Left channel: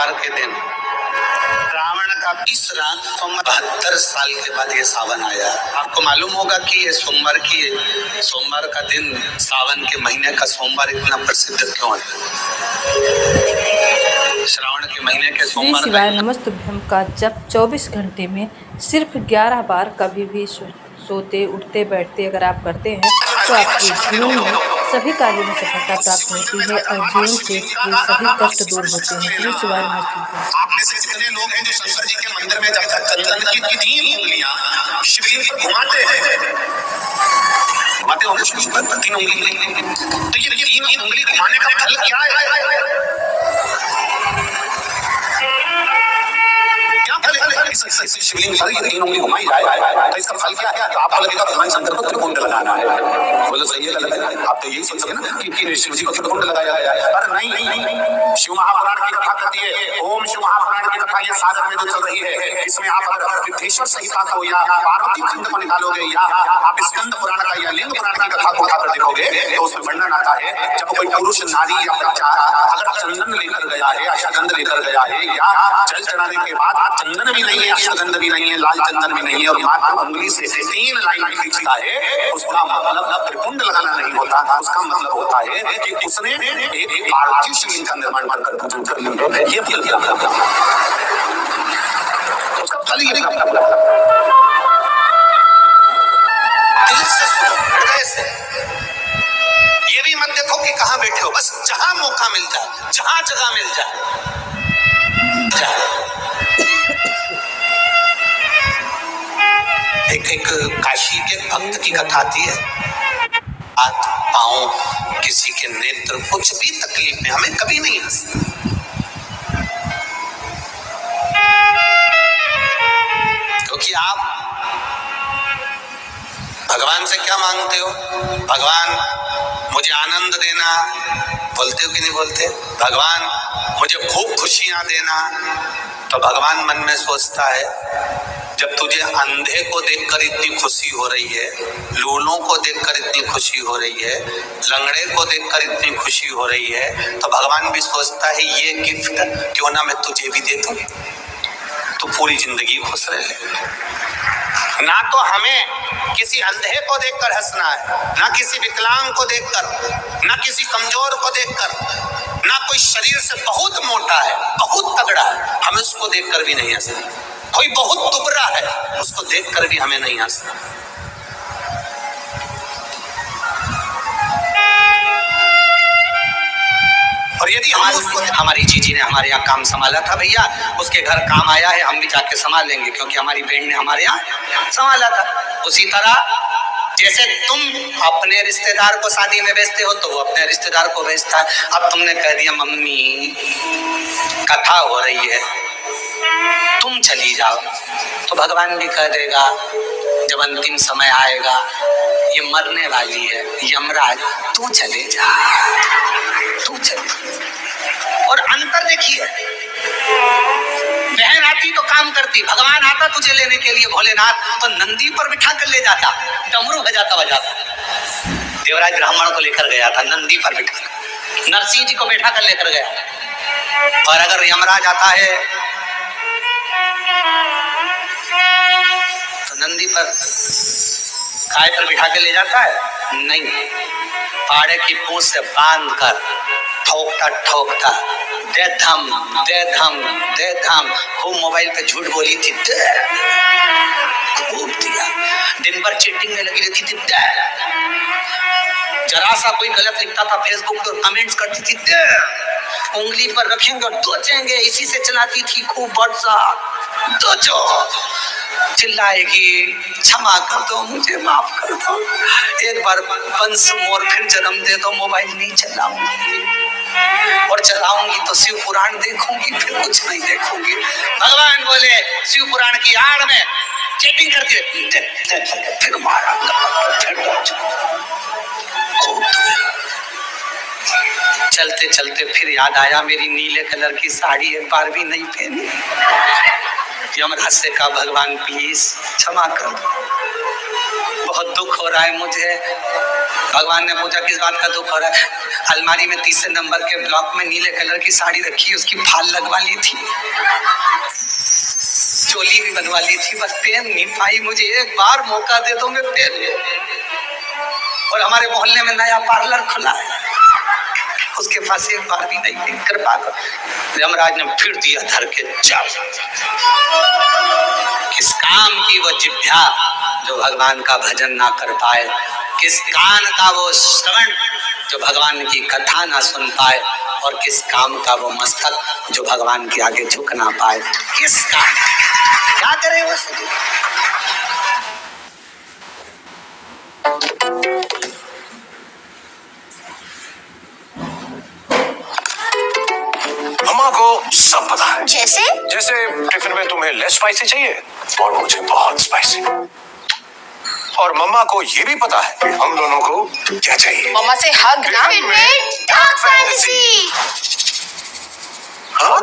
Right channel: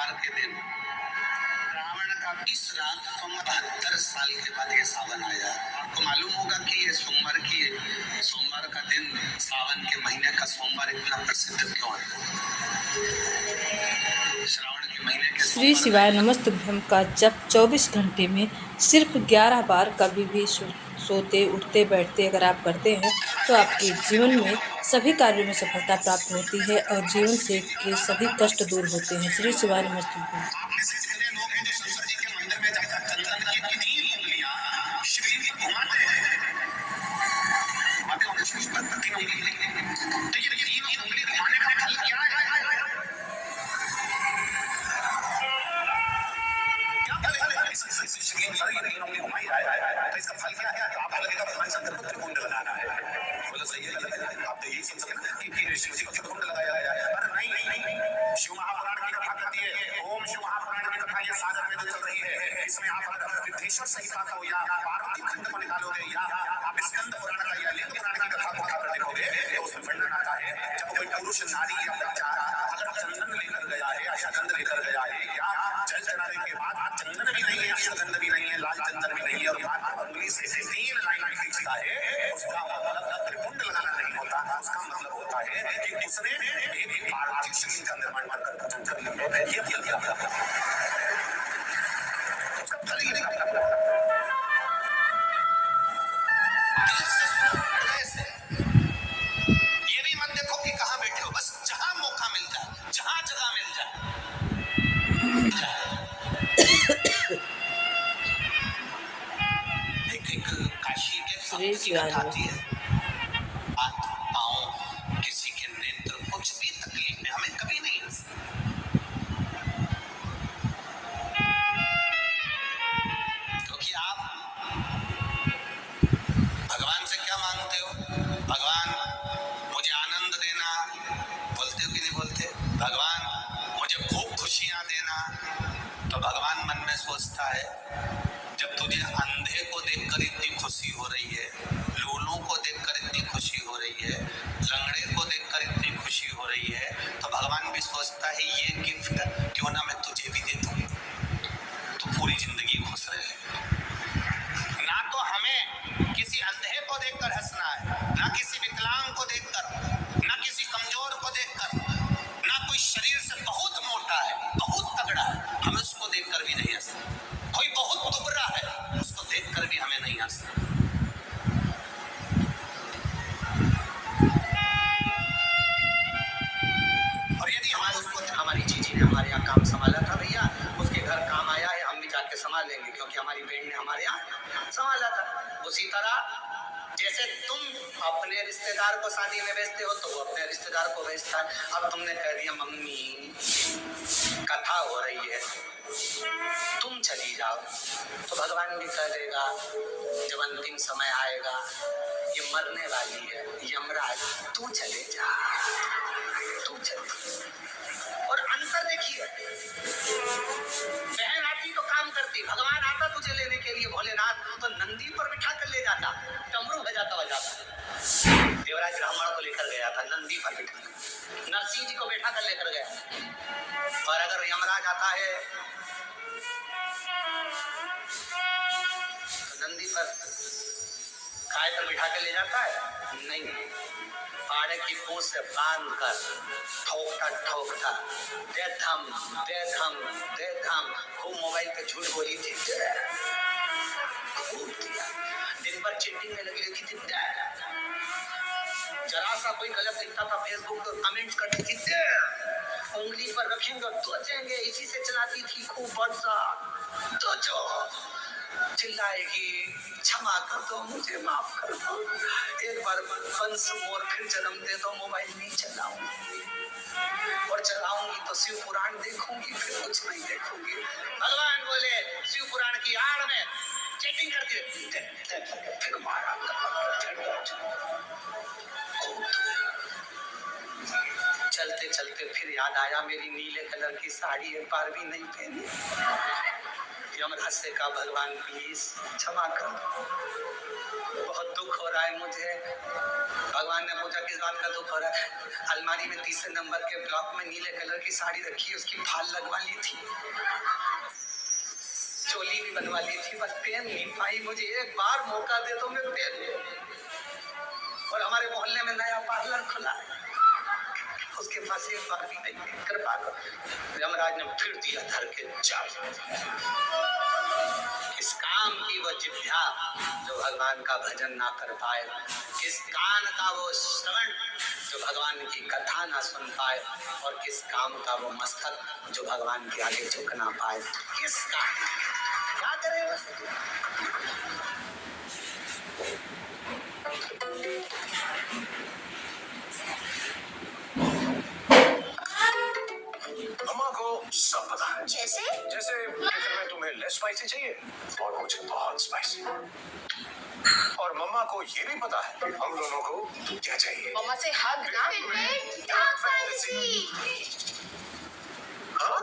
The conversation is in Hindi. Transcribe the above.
सोमवार के दिन रावण का 20 रात 72 साल के बाद ये सावन आया। आपको मालूम होगा कि ये सोमवार का दिन, सावन के महीने का सोमवार इतना प्रसिद्ध क्यों है? श्रावण के महीने के श्री शिवाय नमस्तुभ्यम का जप 24 घंटे में सिर्फ 11 बार कभी भी सोते उठते बैठते अगर आप करते हैं तो आपके जीवन में सभी कार्यों में सफलता प्राप्त होती है और जीवन से सभी कष्ट दूर होते हैं। श्री शिवाय नमस्तुभ्यम। आप में से कितने लोग हैं जो शंकर जी के मंदिर में जब तक चंदन की 3 उंगलियां शिवलिंग पर घुमाते होंगे, 3 उंगली, तो ये 3 उंगली घुमाने का फल क्या है? शिवलिंग पर ये 3 उंगली घुमाई जाए तो इसका फल क्या है? तो आपको लगेगा भगवान शंकर को त्रिपुंड लगाना है। बोलो सही है गलत है? आप तो यही सोच सके ना कि शिव जी को त्रिपुंड लगाया गया है। पर नहीं, शिव महापुराण की कथा कहती है, ओम शिव महापुराण की कथा ये सागर में जो चल रही है, इसमें आप अगर विद्धेश्वर संहिता को या पार्वती खंड को निकालोगे या आप स्कंद पुराण का या लिंग पुराण की कथा को उठाकर देखोगे तो उसमें वर्णन आता है जब कोई पुरुष, नारी या बच्चा अगर चंदन लेकर गया है, अश्वगंध लेकर गया है या जल चढ़ाने के बाद चंदन भी नहीं है, अश्वगंध भी नहीं है, लाल चंदन भी नहीं है और मात्र उंगली से 3 लाइन खींचता है, उसका मतलब त्रिपुंड लगाना नहीं होता। उसका मतलब होता है कि उसने एक पार्थिव शिवलिंग का निर्माण कर पूजन कर लिया। ये फल क्या? उसका फल ये निकला। दिल से सुनो, हृदय से। ये भी मत देखो कि कहाँ बैठे हो, बस जहां मौका मिल जाए, जहां जगह मिल जाए। एक काशी के भक्त की कथा आती है। हाथ पांव, किसी के नेत्र, कुछ भी तकलीफ में हमें कभी नहीं हंसना। क्योंकि आप भगवान से क्या मांगते हो? भगवान मुझे आनंद देना, बोलते हो कि नहीं बोलते? भगवान मुझे खूब खुशियां देना। तो भगवान मन में सोचता है, जब तुझे अंधे को देखकर इतनी खुशी हो रही है, लूलों को देखकर इतनी खुशी हो रही है, लंगड़े को देखकर इतनी खुशी हो रही है, तो भगवान भी सोचता है ये गिफ्ट क्यों ना मैं तुझे भी दे दूं, तो पूरी जिंदगी खुश रहे। ना तो हमें किसी अंधे को देखकर हंसना है, ना किसी विकलांग को देखकर, ना किसी कमजोर को देखकर, ना कोई शरीर से बहुत मोटा है, बहुत तगड़ा है, हमें उसको देखकर भी नहीं हंसना। कोई बहुत दुबरा है, उसको देखकर भी हमें नहीं हंसना। और यदि हमारी जीजी ने हमारे यहाँ काम संभाला था भैया, उसके घर काम आया है, हम भी जाके संभाल लेंगे क्योंकि हमारी बहन ने हमारे यहाँ संभाला था। उसी तरह जैसे तुम अपने रिश्तेदार को शादी में भेजते हो तो वो अपने रिश्तेदार को भेजता है। अब तुमने कह दिया मम्मी कथा हो रही है, तुम चली जाओ, तो भगवान भी कह देगा जब अंतिम समय आएगा, ये मरने वाली है, यमराज तू चले जा, तू चले। और अंतर देखिए, बहन आती तो काम करती, भगवान आता तुझे लेने के लिए भोलेनाथ तो नंदी पर बिठा कर ले जाता, डमरू बजाता। देवराज ब्राह्मण को लेकर गया था नंदी पर बिठा कर, नरसिंह जी को बैठा कर लेकर गया। और अगर यमराज आता है तो नंदी पर काय पर बिठा के ले जाता है? नहीं, पाड़े की पूंछ से बांध कर ठोकता दे धम। खूब मोबाइल पे झूठ बोली थी, खूब दिया। दिन भर चैटिंग में लगी रहती थी, जरा सा कोई गलत लिखता था फेसबुक पर कमेंट्स करती थी, उंगली पर रखेंगे और दोचेंगे। इसी से चलाती थी खूब व्हाट्सएप, दोचो, चिल्लाएगी क्षमा कर दो, मुझे माफ कर दो, एक बार वंस मोर फिर जन्म दे दो, मोबाइल नहीं चलाऊंगी, और चलाऊंगी तो शिव पुराण देखूंगी, फिर कुछ नहीं देखूंगी। भगवान बोले शिव पुराण की आड़ में चैटिंग करती है, फिर मारा, फिर चलते चलते फिर याद आया मेरी नीले कलर की साड़ी एक बार भी नहीं पहनी। यमराज से कहा भगवान प्लीज क्षमा कर दो, बहुत दुख हो रहा है मुझे, भगवान ने पूछा किस बात का दुख हो रहा है? अलमारी में 3 नंबर के ब्लॉक में नीले कलर की साड़ी रखी, उसकी फाल लगवा ली थी, चोली भी बनवा ली थी, बस पहन नहीं पाई। मुझे एक बार मौका दे दो, मैं पहन लूं। और हमारे मोहल्ले में नया पार्लर खुला है, उसके पास एक बार भी नहीं थी। कृपा कर। यमराज ने फिर दिया धर के जाओ। किस काम की वो जिह्वा जो भगवान का भजन ना कर पाए, किस कान का वो श्रवण जो भगवान की कथा ना सुन पाए, और किस काम का वो मस्तक जो भगवान के आगे झुक ना पाए। किसका क्या करे वो? मम्मा को सब पता है। जैसे जैसे टिफिन में तुम्हें लेस स्पाइसी चाहिए और मुझे बहुत स्पाइसी। और मम्मा को ये भी पता है कि हम दोनों को क्या चाहिए। मम्मा से हग ना। Dark fantasy. हाँ